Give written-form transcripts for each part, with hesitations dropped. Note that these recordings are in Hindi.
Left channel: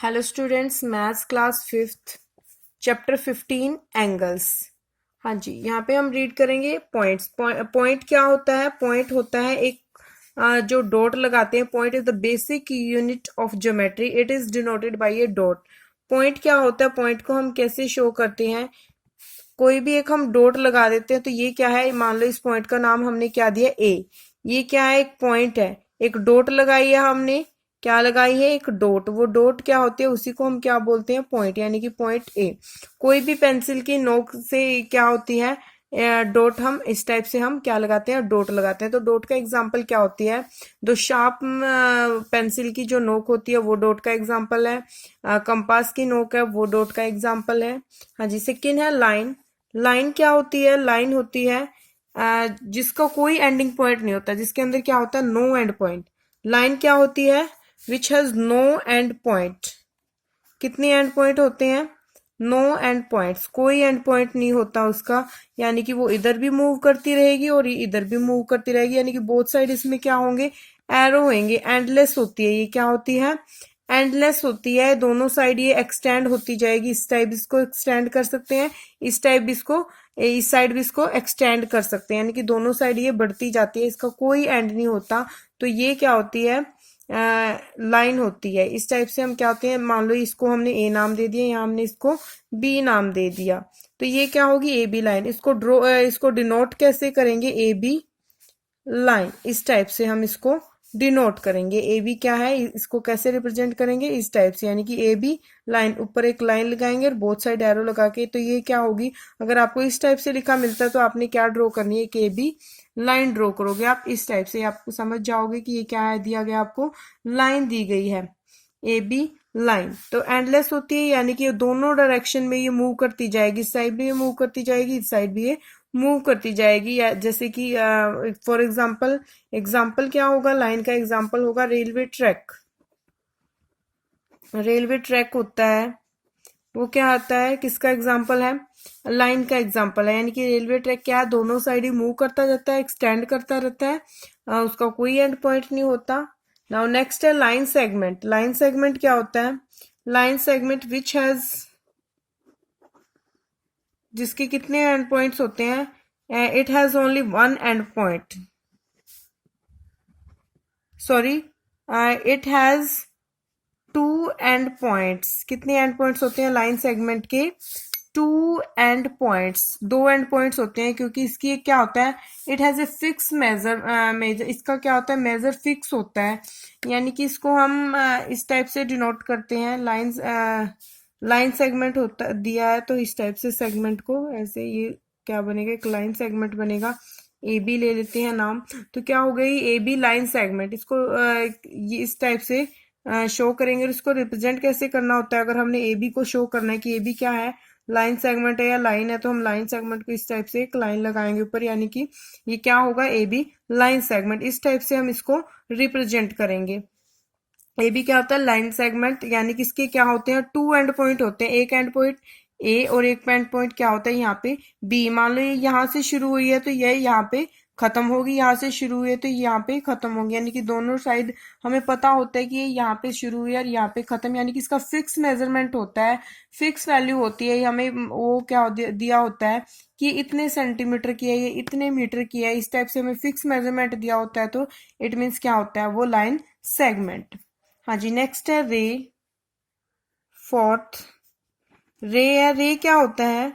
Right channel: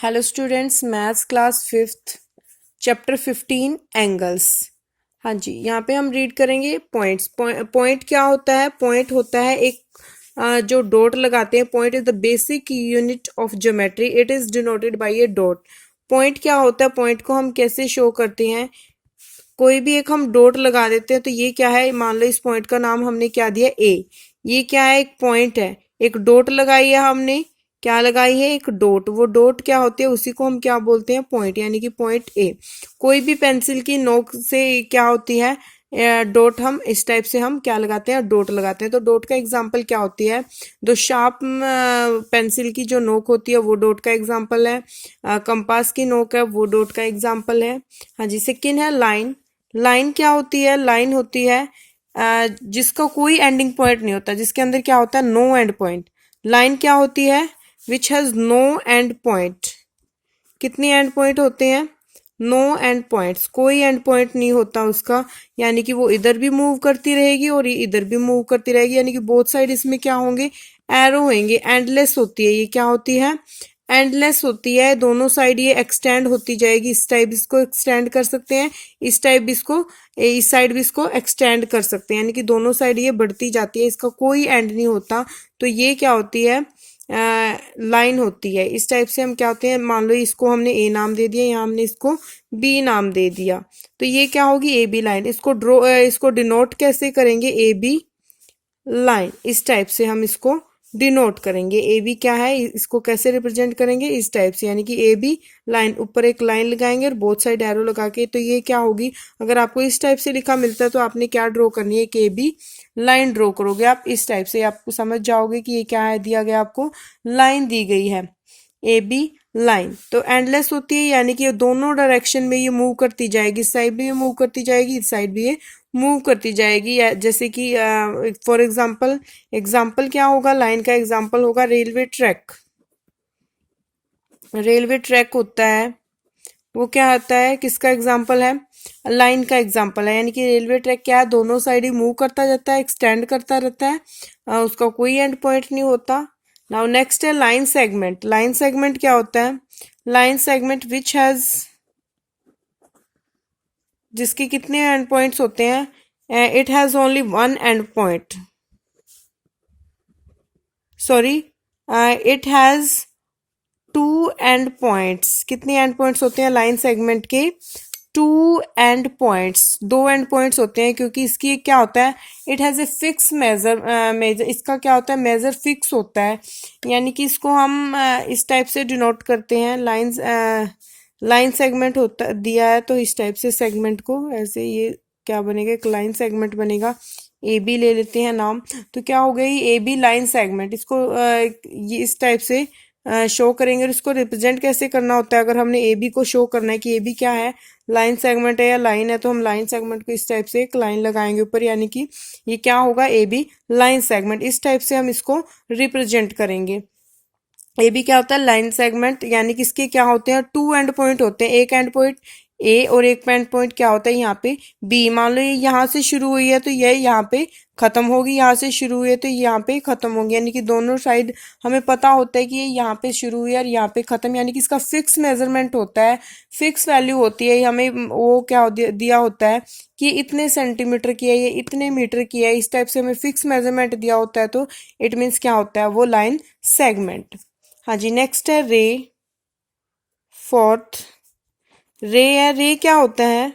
Hello students, maths class fifth chapter 15 angles. हाँ जी, यहाँ पे हम रीड करेंगे पॉइंट्स। पॉइंट क्या होता है? पॉइंट होता है एक जो डॉट लगाते हैं। Point is the basic unit of geometry, it is denoted by A dot. Point क्या होता है? पॉइंट को हम कैसे शो करते हैं? कोई भी एक हम डॉट लगा देते हैं तो ये क्या है? मान लो इस पॉइंट का नाम हमने क्या दिया? ए। ये क्या है? एक पॉइंट है। एक डॉट लगाई है हमने। क्या लगाई है? एक डॉट। वो डॉट क्या होती है? उसी को हम क्या बोलते हैं? पॉइंट, यानी कि पॉइंट ए। कोई भी पेंसिल की नोक से क्या होती है? डॉट। हम इस टाइप से हम क्या लगाते हैं? डॉट लगाते हैं। तो डॉट का एग्जाम्पल क्या होती है? दो शार्प पेंसिल की जो नोक होती है वो डॉट का एग्जाम्पल है। कंपास की नोक है वो डॉट का एग्जाम्पल है। हाँ जी। सेकेंड है लाइन। लाइन क्या होती है? लाइन होती है जिसका कोई एंडिंग पॉइंट नहीं होता, जिसके अंदर क्या होता है? No end point. लाइन क्या होती है? Which has no end point. कितने एंड पॉइंट होते हैं? No end points. कोई एंड पॉइंट नहीं होता उसका, यानी कि वो इधर भी मूव करती रहेगी और ये इधर भी मूव करती रहेगी, यानी कि बोथ साइड इसमें क्या होंगे? एरो होंगे। एंडलेस होती है। ये क्या होती है? एंडलेस होती है। दोनों साइड ये एक्सटेंड होती जाएगी। इस टाइप इसको एक्सटेंड कर सकते हैं, इस टाइप इसको, इस साइड भी इसको एक्सटेंड कर सकते हैं, यानी कि दोनों साइड ये बढ़ती जाती है, इसका कोई एंड नहीं होता। तो ये क्या होती है? लाइन होती है। इस टाइप से हम क्या होते हैं? मान लो इसको हमने ए नाम दे दिया, यहाँ हमने इसको बी नाम दे दिया, तो ये क्या होगी? A B line. इसको इसको डिनोट कैसे करेंगे? A B line. इस टाइप से हम इसको डिनोट करेंगे। ए बी क्या है? इसको कैसे रिप्रेजेंट करेंगे? इस टाइप से, यानी कि ए बी लाइन। ऊपर एक लाइन लगाएंगे और बोथ साइड एरो लगा के, तो ये क्या होगी? अगर आपको इस टाइप से लिखा मिलता है तो आपने क्या ड्रॉ करनी है? कि ए बी लाइन ड्रॉ करोगे आप इस टाइप से। आपको समझ जाओगे कि ये क्या है? दिया गया आपको लाइन दी गई है, ए बी लाइन। तो एंडलेस होती है, यानी कि दोनों डायरेक्शन में ये मूव करती जाएगी। इस साइड भी ये मूव करती जाएगी, इस साइड भी ये मूव करती जाएगी। या जैसे कि फॉर एग्जांपल, एग्जांपल क्या होगा? लाइन का एग्जांपल होगा रेलवे ट्रैक। रेलवे ट्रैक होता है, वो क्या होता है? किसका एग्जांपल है? लाइन का एग्जांपल है। यानी कि रेलवे ट्रैक क्या है? दोनों साइड ही मूव करता जाता है, एक्सटेंड करता रहता है, उसका कोई एंड पॉइंट नहीं होता। नाउ नेक्स्ट है लाइन सेगमेंट। लाइन सेगमेंट क्या होता है? लाइन सेगमेंट विच हैज, जिसके कितने एंड पॉइंट्स होते हैं? It has only one end point. Sorry, it has two end points. कितने एंड पॉइंट्स होते हैं लाइन सेगमेंट के? Two end points. दो एंड पॉइंट्स होते हैं, क्योंकि इसकी एक क्या होता है? It has a fix measure. Measure इसका क्या होता है? मेजर फिक्स होता है, यानी कि इसको हम इस टाइप से डिनोट करते हैं। लाइन लाइन सेगमेंट होता दिया है तो इस टाइप से सेगमेंट को ऐसे, ये क्या बनेगा? एक लाइन सेगमेंट बनेगा। ए बी ले लेते हैं नाम, तो क्या हो गई? A B line segment. इसको ये इस टाइप से शो करेंगे। और इसको रिप्रेजेंट कैसे करना होता है? अगर हमने ए बी को शो करना है कि ए बी क्या है? लाइन सेगमेंट है या लाइन है, तो हम लाइन सेगमेंट को इस टाइप से एक लाइन लगाएंगे ऊपर, यानी कि ये क्या होगा? A B line segment. इस टाइप से हम इसको रिप्रेजेंट करेंगे। ए बी क्या होता है? Line segment. यानी कि इसके क्या होते हैं? टू एंड पॉइंट होते हैं। एक एंड पॉइंट ए और एक एंड पॉइंट क्या होता है? यहाँ पे बी। मान लो ये यहाँ से शुरू हुई है तो ये यहाँ पे खत्म होगी, यहाँ से शुरू हुई है तो यहाँ पे खत्म होगी, यानी कि दोनों साइड हमें पता होता है कि ये यहाँ पे शुरू हुई है और यहाँ पे खत्म, यानी कि इसका फिक्स मेजरमेंट होता है, फिक्स वैल्यू होती है। हमें वो क्या दिया होता है कि इतने सेंटीमीटर की है, ये इतने मीटर की है, इस टाइप से हमें फिक्स मेजरमेंट दिया होता है। तो इट मीन्स क्या होता है? वो लाइन सेगमेंट। हाँ जी। नेक्स्ट है रे। फोर्थ रे है। रे क्या होता है?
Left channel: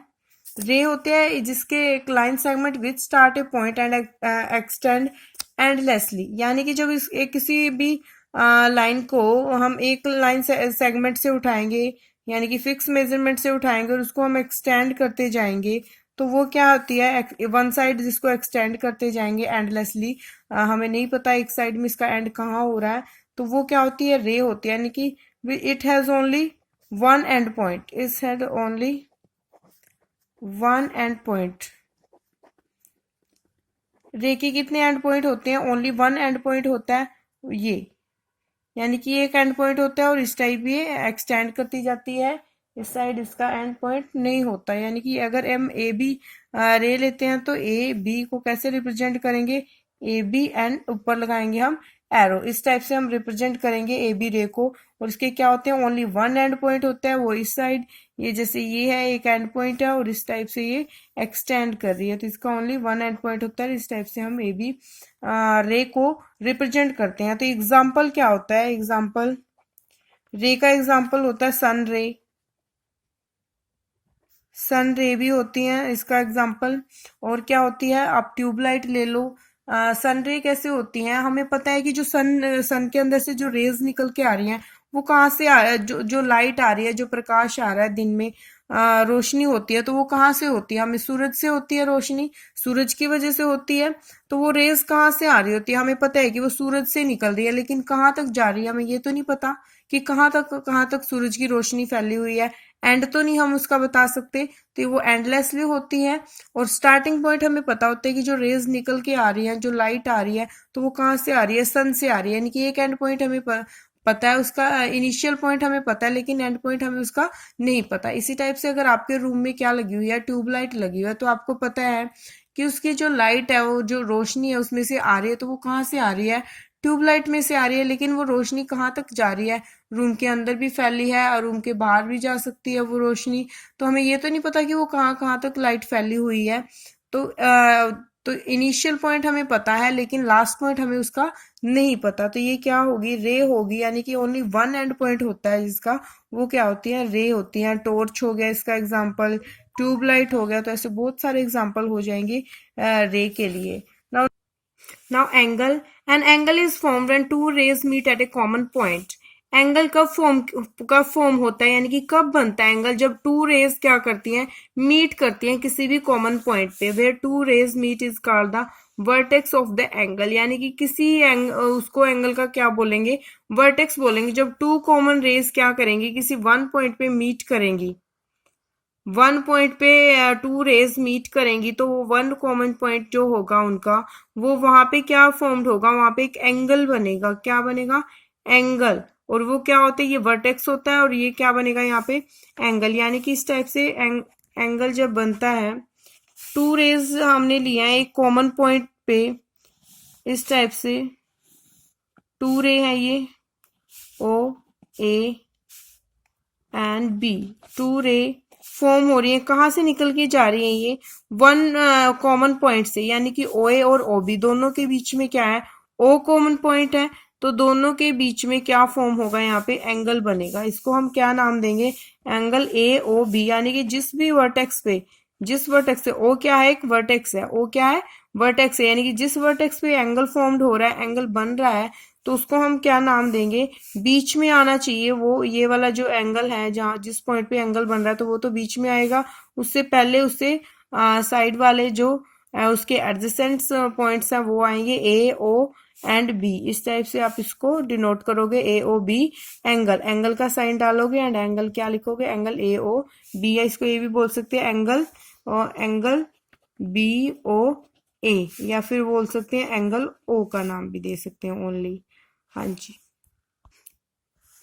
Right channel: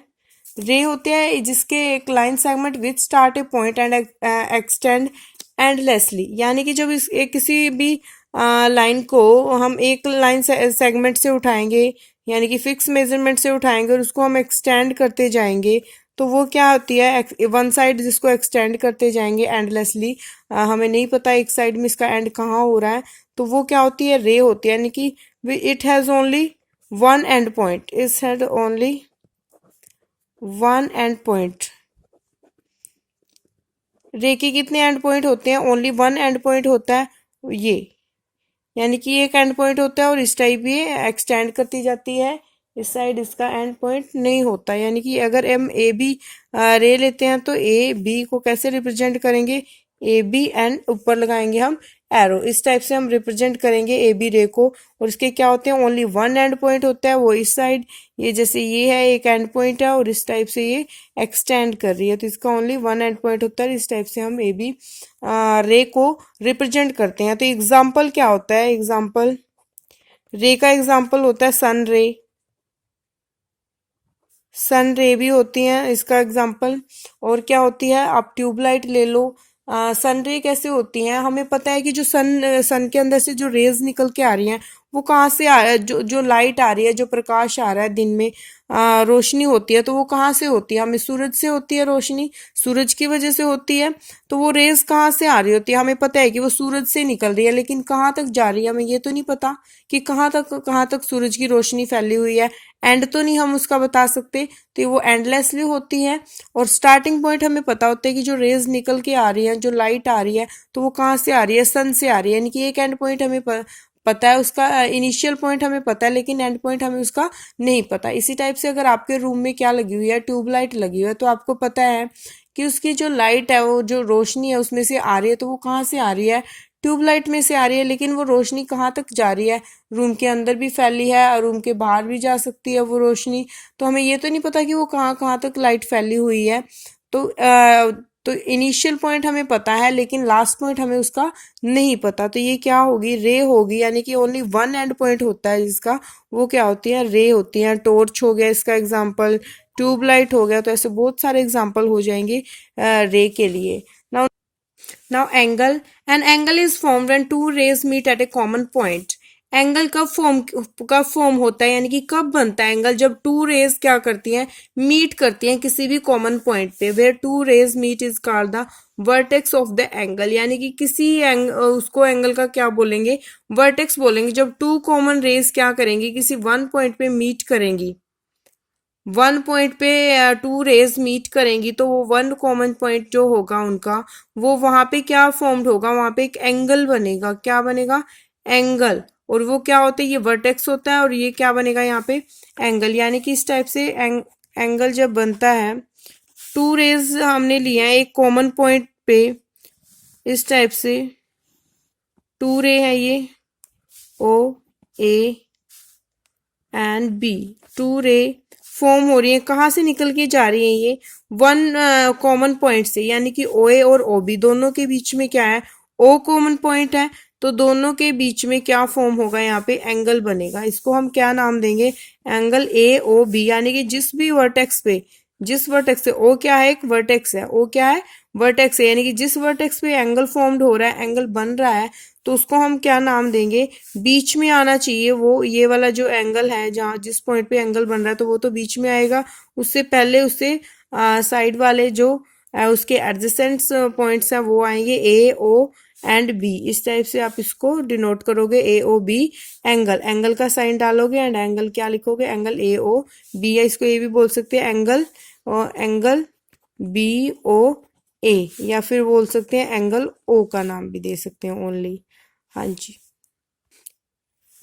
रे होते हैं जिसके एक line segment which start A point and extend endlessly, यानी कि जब इस एक किसी भी लाइन को हम एक लाइन सेगमेंट से उठाएंगे, यानी कि फिक्स मेजरमेंट से उठाएंगे और उसको हम एक्सटेंड करते जाएंगे, तो वो क्या होती है? वन साइड जिसको एक्सटेंड करते जाएंगे एंडलेसली, हमें नहीं पता एक साइड में इसका एंड कहाँ हो रहा है, तो वो क्या होती है? रे होती है। यानी कि it has only one end point, is had only one end point. रे के कितने एंड पॉइंट होते हैं? ओनली वन एंड पॉइंट होता है ये, यानी कि एक एंड पॉइंट होता है और इस टाइप ये एक्सटेंड करती जाती है, इस साइड इसका एंड पॉइंट नहीं होता। यानी कि अगर हम ए बी रे लेते हैं तो ए बी को कैसे रिप्रेजेंट करेंगे? ए बी एंड ऊपर लगाएंगे हम एरो, इस टाइप से हम रिप्रेजेंट करेंगे ए बी रे को। और इसके क्या होते हैं, ओनली वन एंड पॉइंट होता है, वो इस साइड, ये जैसे ये है एक एंड पॉइंट है और इस टाइप से ये एक्सटेंड कर रही है, तो इसका ओनली वन एंड पॉइंट होता है। इस टाइप से हम ए बी रे को रिप्रेजेंट करते हैं। तो एग्जाम्पल क्या होता है, एग्जाम्पल रे का एग्जाम्पल होता है सन रे, सन रे भी होती है इसका एग्जाम्पल। और क्या होती है, आप ट्यूबलाइट ले लो। सन रे कैसे होती हैं, हमें पता है कि जो सन के अंदर से जो रेज निकल के आ रही हैं वो कहाँ से आ रहा है, जो लाइट आ रही है, जो प्रकाश आ रहा है दिन में, रोशनी होती है, तो वो कहाँ से होती है, हमें सूरज से होती है रोशनी, सूरज की वजह से होती है। तो वो रेज कहाँ से आ रही होती है, हमें पता है कि वो सूरज से निकल रही है, लेकिन कहाँ तक जा रही है हमें ये तो नहीं पता कि कहाँ तक सूरज की रोशनी फैली हुई है, एंड तो नहीं हम उसका बता सकते, तो वो एंडलेसली होती है। और स्टार्टिंग पॉइंट हमें पता होता है कि जो रेज निकल के आ रही है, जो लाइट आ रही है, तो वो कहाँ से आ रही है, सन से आ रही है, यानी कि एक एंड पॉइंट हमें पता है उसका, इनिशियल पॉइंट हमें पता है, लेकिन एंड पॉइंट हमें उसका नहीं पता। इसी टाइप से अगर आपके रूम में क्या लगी हुई है, ट्यूबलाइट लगी हुई है, तो आपको पता है कि उसकी जो लाइट है, वो जो रोशनी है उसमें से आ रही है, तो वो कहाँ से आ रही है, ट्यूबलाइट में से आ रही है, लेकिन वो रोशनी कहाँ तक जा रही है, रूम के अंदर भी फैली है और रूम के बाहर भी जा सकती है वो रोशनी। तो हमें ये तो नहीं पता कि वो कहाँ कहाँ तक लाइट फैली हुई है। तो इनिशियल पॉइंट हमें पता है, लेकिन लास्ट पॉइंट हमें उसका नहीं पता, तो ये क्या होगी, रे होगी, यानी कि ओनली वन एंड पॉइंट होता है जिसका, वो क्या होती है, रे होती है। टॉर्च हो गया इसका एग्जाम्पल, ट्यूबलाइट हो गया, तो ऐसे बहुत सारे एग्जाम्पल हो जाएंगे रे के लिए। Now Now angle, an angle is formed when two rays meet at a common point. Angle कब फॉर्म होता है, यानी कि कब बनता है एंगल, जब टू रेज क्या करती हैं, मीट करती हैं किसी भी कॉमन पॉइंट पे। Where two rays meet is called the vertex of the angle, यानी कि किसी उसको एंगल का क्या बोलेंगे, वर्टेक्स बोलेंगे। जब टू कॉमन रेज क्या करेंगी, किसी वन पॉइंट पे मीट करेंगी, वन पॉइंट पे टू रेज मीट करेंगी, तो वो वन कॉमन पॉइंट जो होगा उनका, वो वहां पे क्या फॉर्म्ड होगा, वहां पे एक एंगल बनेगा। क्या बनेगा, एंगल। और वो क्या होता है, ये वर्टेक्स होता है और ये क्या बनेगा यहाँ पे, एंगल। यानी कि इस टाइप से एंगल जब बनता है, टू रेज हमने लिया है एक कॉमन पॉइंट पे, इस टाइप से टू रे है ये, ओ ए एंड बी, टू रे फॉर्म हो रही है, कहाँ से निकल के जा रही है, ये वन कॉमन पॉइंट से, यानी कि ओ ए और ओ बी दोनों के बीच में क्या है, ओ कॉमन पॉइंट है, तो दोनों के बीच में क्या फॉर्म होगा, यहाँ पे एंगल बनेगा। इसको हम क्या नाम देंगे, एंगल ए ओ बी, यानी कि जिस भी वर्टेक्स पे, जिस वर्टेक्स से, ओ क्या है, एक वर्टेक्स है, ओ क्या है, वर्टेक्स है, यानी कि जिस वर्टेक्स पे एंगल फॉर्म्ड हो रहा है, एंगल बन रहा है, तो उसको हम क्या नाम देंगे, बीच में आना चाहिए वो, ये वाला जो एंगल है, जहाँ जिस पॉइंट पे एंगल बन रहा है, तो वो तो बीच में आएगा। उससे पहले उससे साइड वाले जो उसके एडजेसेंट पॉइंट्स हैं वो आएंगे ए ओ एंड बी। इस टाइप से आप इसको डिनोट करोगे, ए ओ बी एंगल, एंगल का साइन डालोगे एंड एंगल क्या लिखोगे, एंगल ए ओ बी, या इसको ये भी बोल सकते हैं एंगल, और एंगल बी ओ ए, या फिर बोल सकते हैं एंगल ओ का नाम भी दे सकते हैं ओनली। हाँ जी।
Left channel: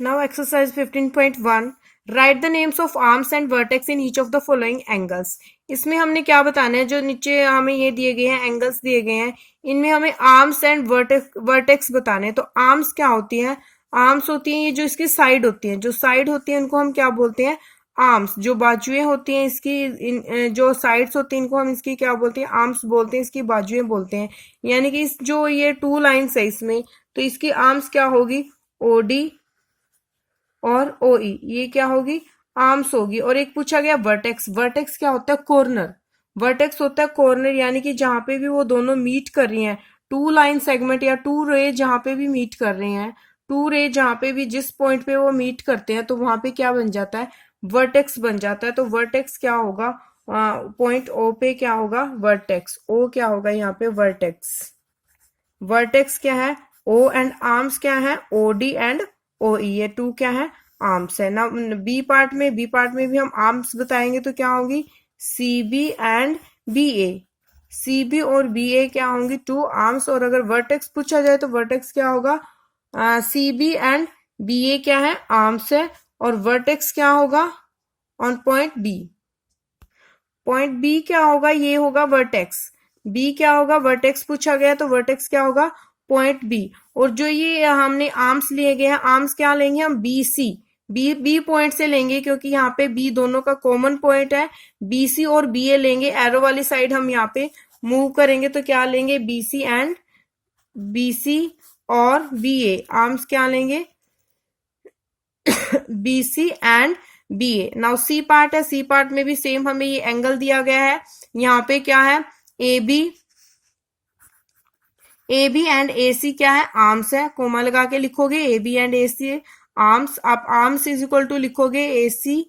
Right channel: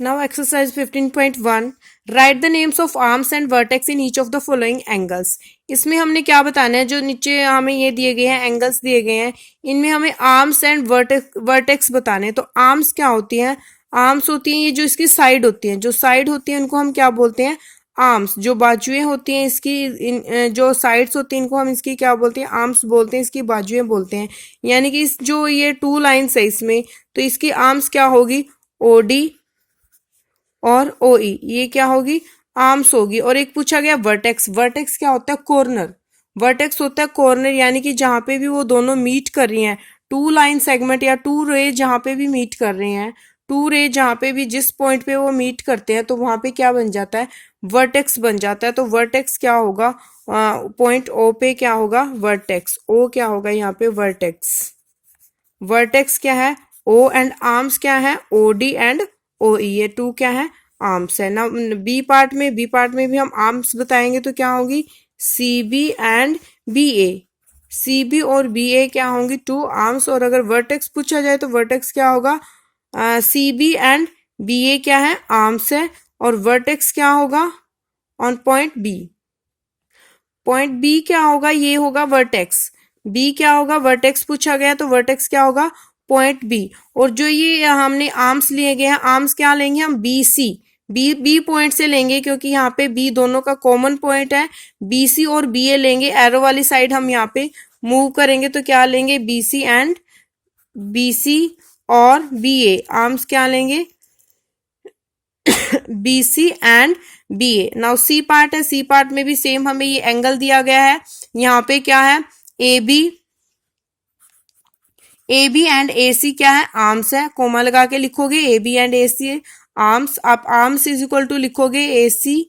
Now exercise 15.1, write the names of arms and vertex in each of the following angles। इसमें हमने क्या बताना है, जो नीचे हमें ये दिए गए हैं एंगल्स दिए गए हैं, इनमें हमें आर्म्स एंड वर्टेक्स बताने हैं। तो आर्म्स क्या होती हैं, आर्म्स होती हैं ये जो इसकी साइड होती हैं, जो साइड होती है उनको हम क्या बोलते हैं, आर्म्स। जो बाजुएं होती हैं इसकी, जो साइड्स होती हैं इनको हम इसकी क्या बोलते हैं, आर्म्स बोलते हैं, इसकी बाजुएं बोलते हैं। यानी कि इस जो ये टू लाइन्स है इसमें, तो इसकी आर्म्स क्या होगी, ओडी और ओ ई, ये क्या होगी, आर्म्स होगी। और एक पूछा गया वर्टेक्स, वर्टेक्स क्या होता है, कॉर्नर, वर्टेक्स होता है कॉर्नर, यानी कि जहां पे भी वो दोनों मीट कर रही हैं, टू लाइन सेगमेंट या टू रे जहां पे भी मीट कर रहे हैं, टू रे जहां पे भी जिस पॉइंट पे वो मीट करते हैं, तो वहां पे क्या बन जाता है, वर्टेक्स बन जाता है। तो वर्टेक्स क्या होगा, पॉइंट ओ पे क्या होगा, वर्टेक्स, ओ क्या होगा यहाँ पे, वर्टेक्स। वर्टेक्स क्या है, ओ एंड आर्म्स क्या है, ओ डी एंड ओ ई, ये टू क्या है, आर्म्स है ना। बी पार्ट में भी हम आर्म्स बताएंगे, तो क्या होगी, C B and B A, C B और बी ए क्या होंगी, टू आर्म्स। और अगर वर्टेक्स पूछा जाए तो वर्टेक्स क्या होगा, C B and B A क्या है, आर्म्स है, और वर्टेक्स क्या होगा on point B. Point B क्या होगा, ये होगा वर्टेक्स, बी क्या होगा, वर्टेक्स पूछा गया तो वर्टेक्स क्या होगा, पॉइंट बी। और जो ये हमने आर्म्स लिए गए हैं, आर्म्स क्या लेंगे हम, बी सी, बी पॉइंट से लेंगे क्योंकि यहाँ पे बी दोनों का कॉमन पॉइंट है। बी सी और बी ए लेंगे, एरो वाली साइड हम यहाँ पे मूव करेंगे तो क्या लेंगे, B C and B C और बी ए, आर्म्स क्या लेंगे, B C and B A. Now C part है, सी पार्ट में भी सेम हमें ये एंगल दिया गया है, यहाँ पे क्या है, ए बी एंड ए सी क्या है, आर्म्स है, कोमा लगा के लिखोगे A B and A C arms, आप आर्म्स इज इक्वल टू लिखोगे A C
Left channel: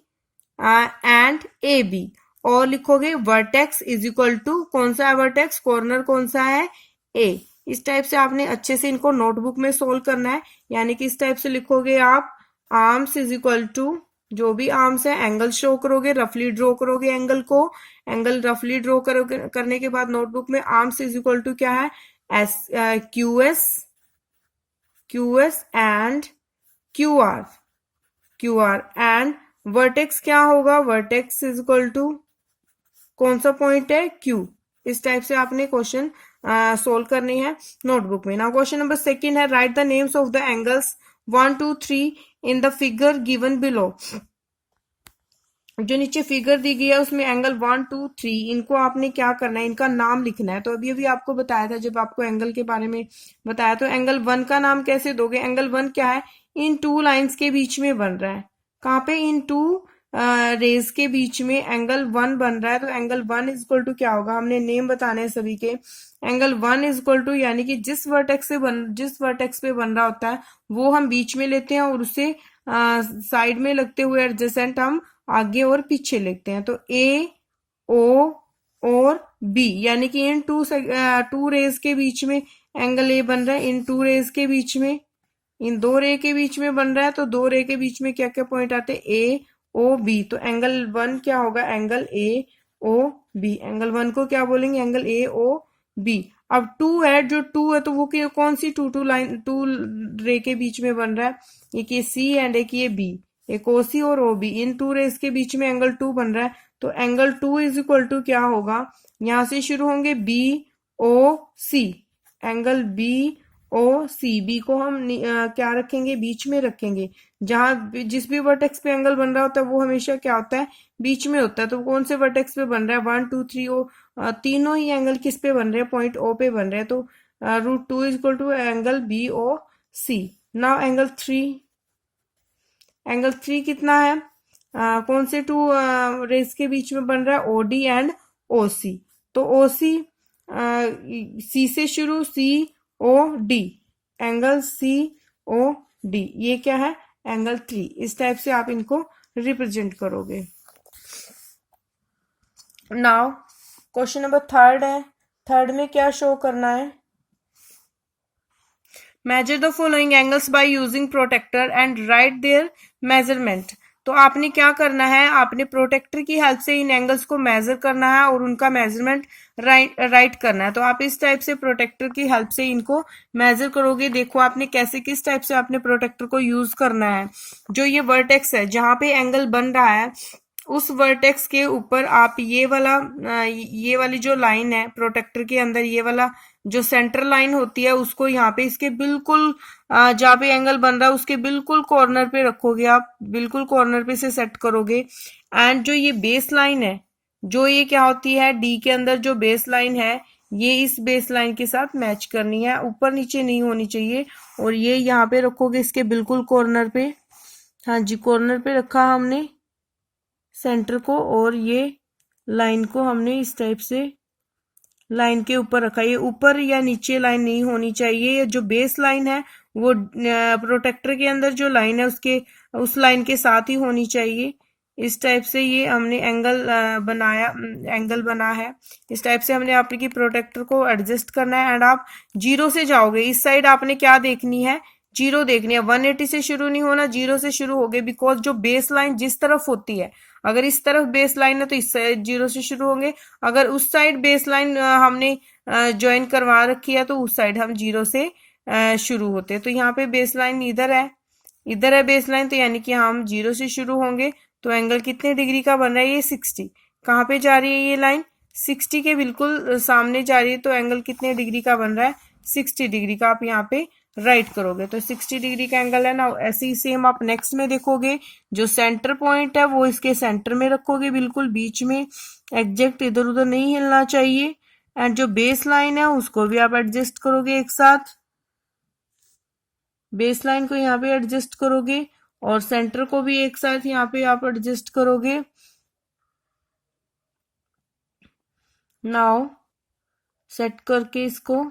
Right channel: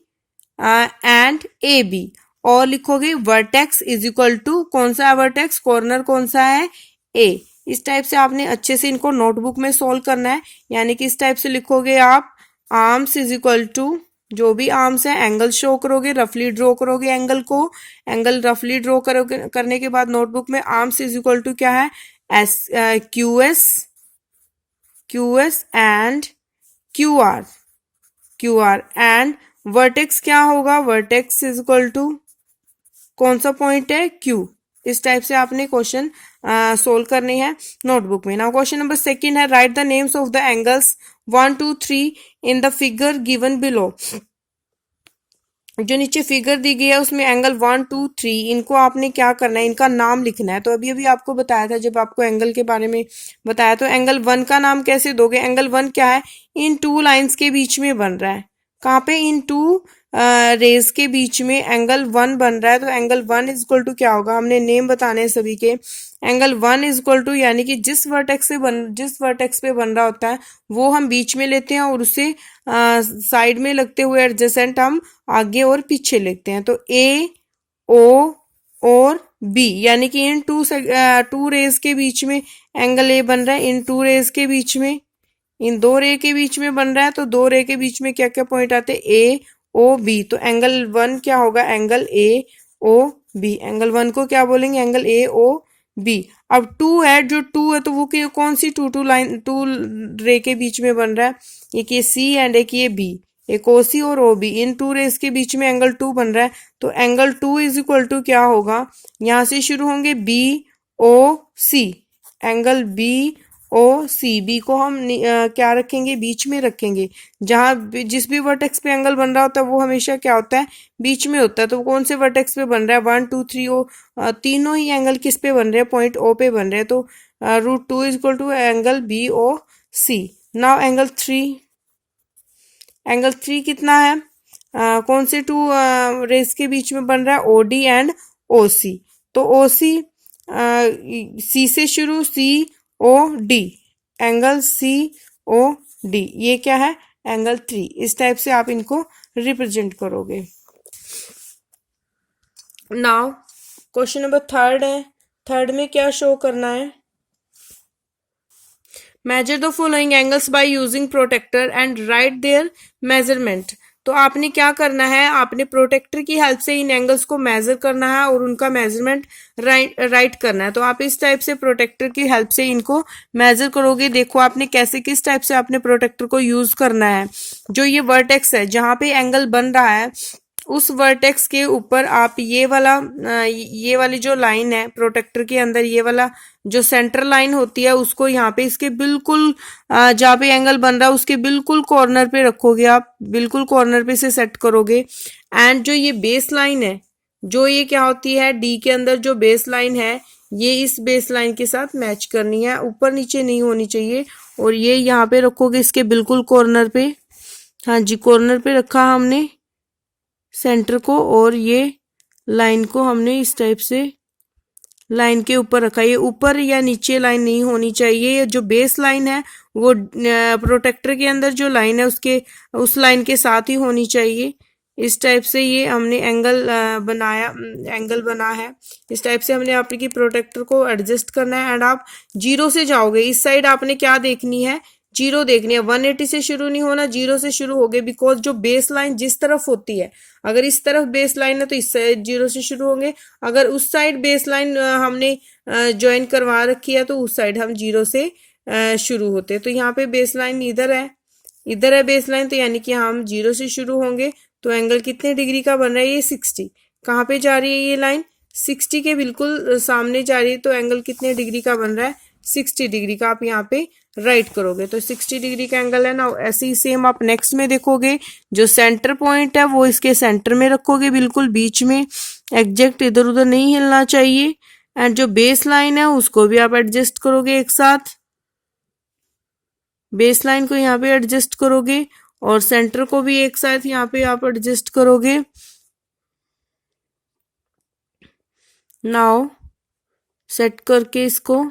and A B, और लिखोगे वर्टेक्स इज इक्वल टू, कौन सा है वर्टेक्स, कॉर्नर कौन सा है, ए। इस टाइप से आपने अच्छे से इनको नोटबुक में सोल्व करना है, यानी कि इस टाइप से लिखोगे आप, आर्म्स इज इक्वल टू, जो भी आर्म्स है एंगल शो करोगे, रफली ड्रॉ करोगे एंगल को, एंगल रफली ड्रॉ करोगे, करने के बाद नोटबुक में आर्म्स इज इक्वल टू क्या है, S Q S and Q R and vertex क्या होगा, वर्टेक्स इज इक्वल टू कौन सा पॉइंट है, क्यू। इस टाइप से आपने क्वेश्चन सोल्व करनी है नोटबुक में। नाउ क्वेश्चन नंबर सेकंड है, right the names of the angles 1 2 3 in the figure given below. जो नीचे फिगर दी गई है उसमें एंगल 1 2 3, इनको आपने क्या करना है, इनका नाम लिखना है। तो अभी अभी आपको बताया था, जब आपको एंगल के बारे में बताया, तो एंगल 1 का नाम कैसे दोगे, एंगल 1 क्या है, इन टू लाइंस के बीच में बन रहा है, कहाँ पे, इन टू रेज के बीच में एंगल 1 बन रहा है। तो एंगल 1 इज इक्वल टू क्या होगा, हमने नेम बताने हैं सभी के। एंगल 1 इज इक्वल टू, यानी कि जिस वर्टेक्स पे बन रहा होता है वो हम बीच में लेते हैं, और उसे साइड में लगते हुए एडजेसेंट हम आगे और पीछे लिखते हैं। तो ए ओ और बी, यानी कि इन टू रेज के बीच में एंगल ए बन रहा है, इन टू रेज के बीच में, इन दो रे के बीच में बन रहा है। तो दो रे के बीच में क्या क्या पॉइंट आते हैं, ए ओ बी। तो एंगल 1 क्या होगा, angle A O B, angle 1 को क्या बोलेंगे, एंगल ए ओ बी। अब 2 है, जो 2 है तो वो कौन सी टू रे के बीच में बन रहा है, एक ये सी एंड एक ये बी, एक ओ सी और ओ बी, इन टू रेस के बीच में एंगल 2 बन रहा है। तो एंगल 2 इज इक्वल टू क्या होगा, यहां से शुरू होंगे बी ओ सी, एंगल बी ओ सी, बी को हम क्या रखेंगे, बीच में रखेंगे। जिस भी वर्टेक्स पे एंगल बन रहा होता है वो हमेशा क्या होता है, बीच में होता है। तो कौन से वर्टेक्स पे बन रहा है, 1 2 3 ओ, तीनों ही एंगल किस पे बन रहे हैं, पॉइंट ओ पे बन रहे हैं। तो √2 is equal to angle B O C. Now angle three कितना है, कौन से टू रेस के बीच में बन रहा है, ओ डी एंड ओ सी। तो ओ सी, सी से शुरू, C O D, angle C O D, ये क्या है, एंगल 3। इस टाइप से आप इनको रिप्रेजेंट करोगे। नाउ क्वेश्चन नंबर थर्ड है, थर्ड में क्या शो करना है, measure the following angles by using protractor and write their measurement. तो आपने क्या करना है, आपने प्रोटेक्टर की हेल्प से इन एंगल्स को मेजर करना है और उनका मेजरमेंट राइट करना है। तो आप इस टाइप से प्रोटेक्टर की हेल्प से इनको मेजर करोगे। देखो आपने कैसे, किस टाइप से आपने प्रोटेक्टर को यूज करना है। जो ये वर्टेक्स है जहां पे एंगल बन रहा है, उस वर्टेक्स के ऊपर आप ये वाली जो लाइन है प्रोटेक्टर के अंदर, ये वाला जो सेंटर लाइन होती है, उसको यहाँ पे इसके बिल्कुल जहाँ पे एंगल बन रहा है उसके बिल्कुल कॉर्नर पे रखोगे, आप बिल्कुल कॉर्नर पे से सेट करोगे। एंड जो ये बेस लाइन है, जो ये क्या होती है, डी के अंदर जो बेस लाइन है, ये इस बेस लाइन के साथ मैच करनी है, ऊपर नीचे नहीं होनी चाहिए। और ये यहाँ पे रखोगे इसके बिल्कुल कॉर्नर पे, हाँ जी कॉर्नर पे रखा हमने सेंटर को, और ये लाइन को हमने इस टाइप से लाइन के ऊपर रखा। ये ऊपर या नीचे लाइन नहीं होनी चाहिए, ये जो बेस लाइन है वो प्रोटेक्टर के अंदर जो लाइन है उसके उस लाइन के साथ ही होनी चाहिए। इस टाइप से ये हमने एंगल बना है। इस टाइप से हमने आपकी प्रोटेक्टर को एडजस्ट करना है। एंड आप जीरो से जाओगे, इस साइड आपने क्या देखनी है, जीरो देखनी है। 180 से शुरू नहीं होना, जीरो से शुरू होगे, बिकॉज जो बेस लाइन जिस तरफ होती है, अगर इस तरफ बेस लाइन है तो इस साइड जीरो से शुरू होंगे, अगर उस साइड बेस लाइन हमने ज्वाइन करवा रखी है तो उस साइड हम जीरो से शुरू होते हैं। तो यहाँ पे बेस लाइन इधर है बेस लाइन, तो यानी कि हम जीरो से शुरू होंगे। तो एंगल कितने डिग्री का बन रहा है, ये 60। कहाँ पे जा रही है ये लाइन, 60 के बिल्कुल सामने जा रही है। तो एंगल कितने डिग्री का बन रहा है, 60 डिग्री का आप यहाँ पे राइट करोगे तो 60 डिग्री का एंगल है ना। ऐसे ही सेम आप नेक्स्ट में देखोगे, जो सेंटर पॉइंट है वो इसके सेंटर में रखोगे, बिल्कुल बीच में, एग्जैक्ट इधर उधर नहीं हिलना चाहिए। एंड जो बेस लाइन है उसको भी आप एडजस्ट करोगे एक साथ, बेस लाइन को यहाँ पे एडजस्ट करोगे और सेंटर को भी एक साथ यहाँ पे आप एडजस्ट करोगे। नाउ सेट करके इसको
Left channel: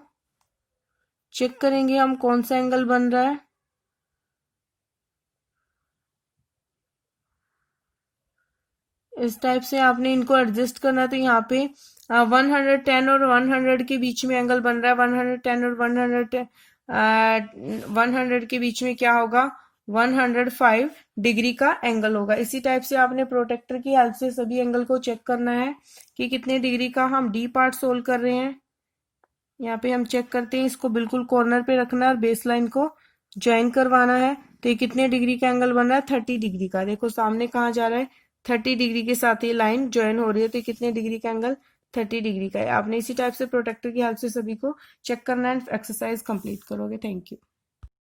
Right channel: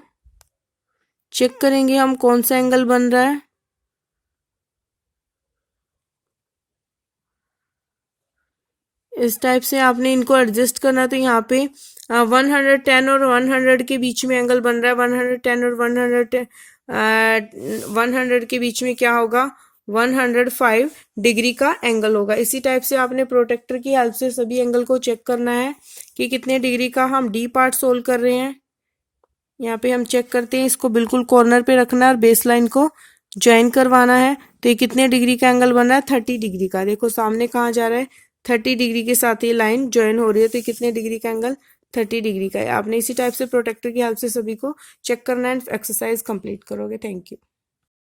चेक करेंगे हम कौन सा एंगल बन रहा है। इस टाइप से आपने इनको एडजस्ट करना। तो यहाँ पे 110 और 100 के बीच में एंगल बन रहा है। 110 और 100 के बीच में क्या होगा, 105 डिग्री का एंगल होगा। इसी टाइप से आपने प्रोटेक्टर की हेल्प से सभी एंगल को चेक करना है कि कितने डिग्री का हम डी पार्ट सोल्व कर रहे हैं। यहाँ पे हम चेक करते हैं, इसको बिल्कुल कॉर्नर पे रखना है और बेस लाइन को ज्वाइन करवाना है। तो ये कितने डिग्री का एंगल बन रहा है, 30 डिग्री का। देखो सामने कहाँ जा रहा है, 30 डिग्री के साथ ये लाइन ज्वाइन हो रही है। तो कितने डिग्री का एंगल, 30 डिग्री का है। आपने इसी टाइप से प्रोटेक्टर की हेल्प से सभी को चेक करना है। एक्सरसाइज कंप्लीट करोगे। Thank you.